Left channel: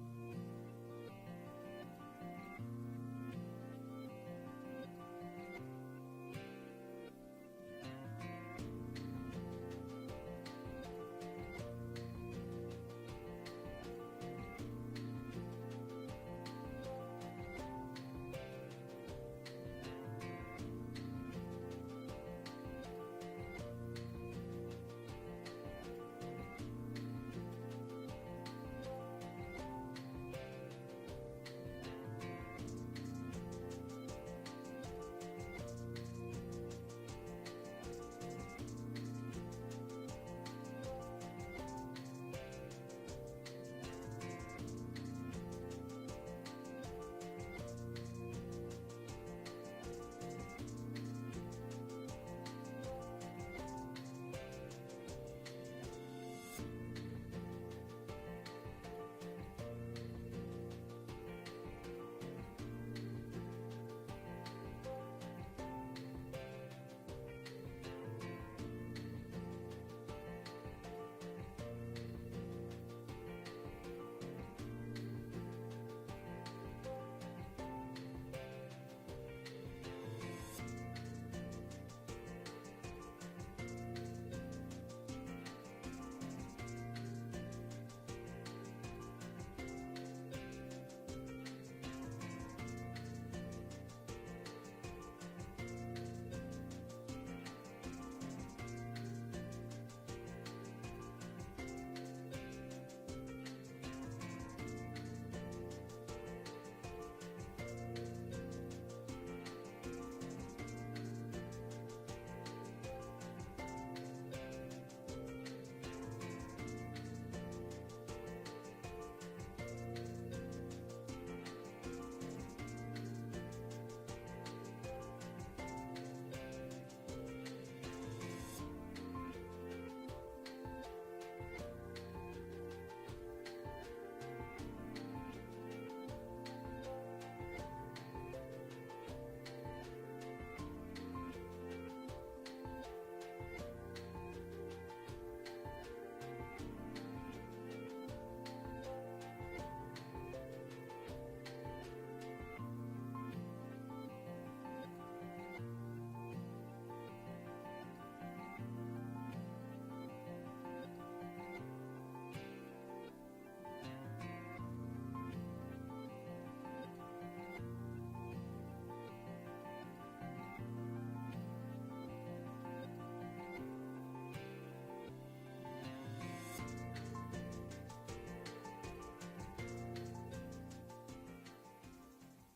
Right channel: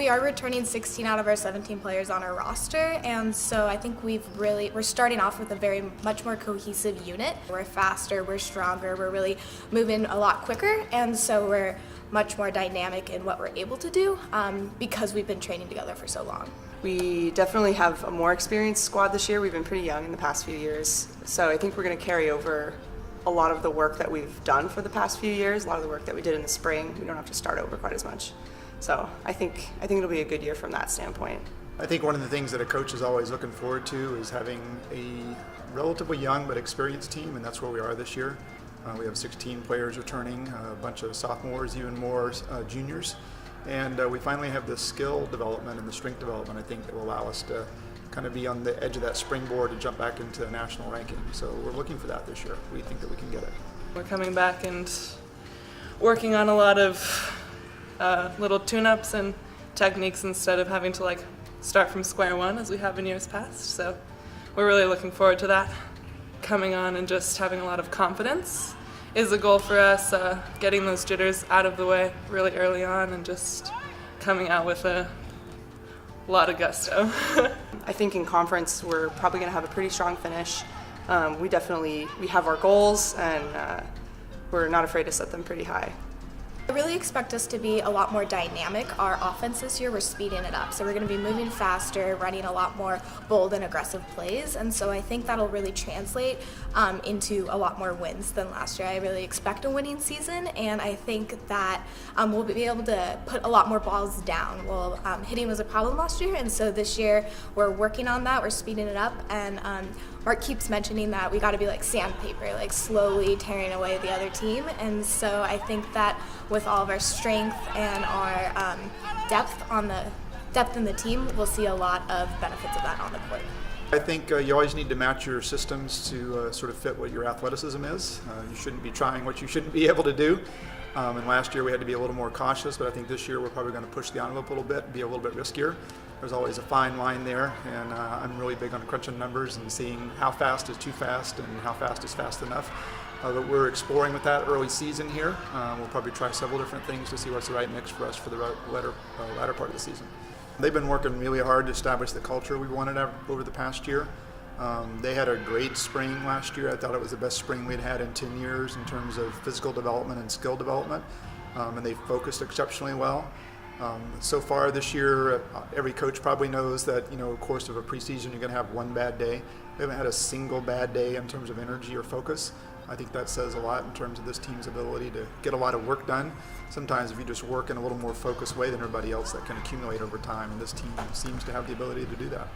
we are returning 16 out of our 17 players on our roster, and so I think we're starting off with a very much more cohesive unit. We're faster, we're stronger, we're really moving a lot quicker, and so we're much more dynamic in what we're able to do because we've been training together for so long. We definitely have a more experienced squad this year. We've been pretty young in the past few years, so I think we're going to carry over a lot of the work that we've done for the past few years, a lot of the work that we did in the spring. We don't have to start over quite as much. So I think it'll be a good year from that standpoint. I think one of the things that a coach is always looking forward to is having a relatively young but experienced team, and that's where we are this year. We have 16 players returning, a bunch of sophomores, even more juniors, and we finally have the skill development and the strength development, I think, that will allow us to kind of be on the edge of that springboard to jump back into the national ranking. So we're looking for that this year. We think that we can get it. We're coming back and working on a lot of little tune-ups and techniques instead of having to start from square one as we have in years past. So we're really looking forward to that. Coming on and just having a lot of confidence is a goal for us, getting those jitters out of the way really early on and just coming out with a lot of gusto. I think in conference we're probably going to have a pretty strong finish. We have our goals, and we're not afraid to set them pretty high. I really expect us to be a lot more dynamic. Our offense this year, we're speeding it up. So we're going to be moving faster, running a lot more bold and aggressive plays. And so I think that'll really translate into a lot more wins than last year. I really expect a winning season, and I think that we'll be able to put a lot more balls down. Well, hitting was a problem last year, and so this year we're working on that. We're speeding it up, and Mark keeps mentioning that we got to be like sandpaper, like slowly tearing away the other team. And so I think that with all of our strength and our depth in the team, we'll see a lot of benefits of that on the court. I think you always need to match your systems to sort of fit what your athleticism is. You shouldn't be trying what you shouldn't be able to do. And last year we had to be a little more cautious, but I think this year we're probably going to push the envelope a little bit and be a little bit riskier. There's always a fine line there, and I'm really big on crunching numbers and seeing how fast is too fast and how fast is fast enough. But we're exploring with that early season here. We'll probably try several different things to see what's the right mix for us for the latter part of the season. They've been working really hard to establish the culture we wanted over the past year. They had a great spring last year. I thought it was the best spring we'd had in 10 years in terms of physical development and skill development, and they focused exceptionally well. So far this year, every coach probably knows that, of course of a preseason, you're going to have one bad day. We haven't had a single bad day in terms of energy or focus. I think that says a lot in terms of this team's ability to get a lot of work done. Sometimes if you just work in a little more focused way than everybody else, that can accumulate over time, and this team seems to have the ability to do that.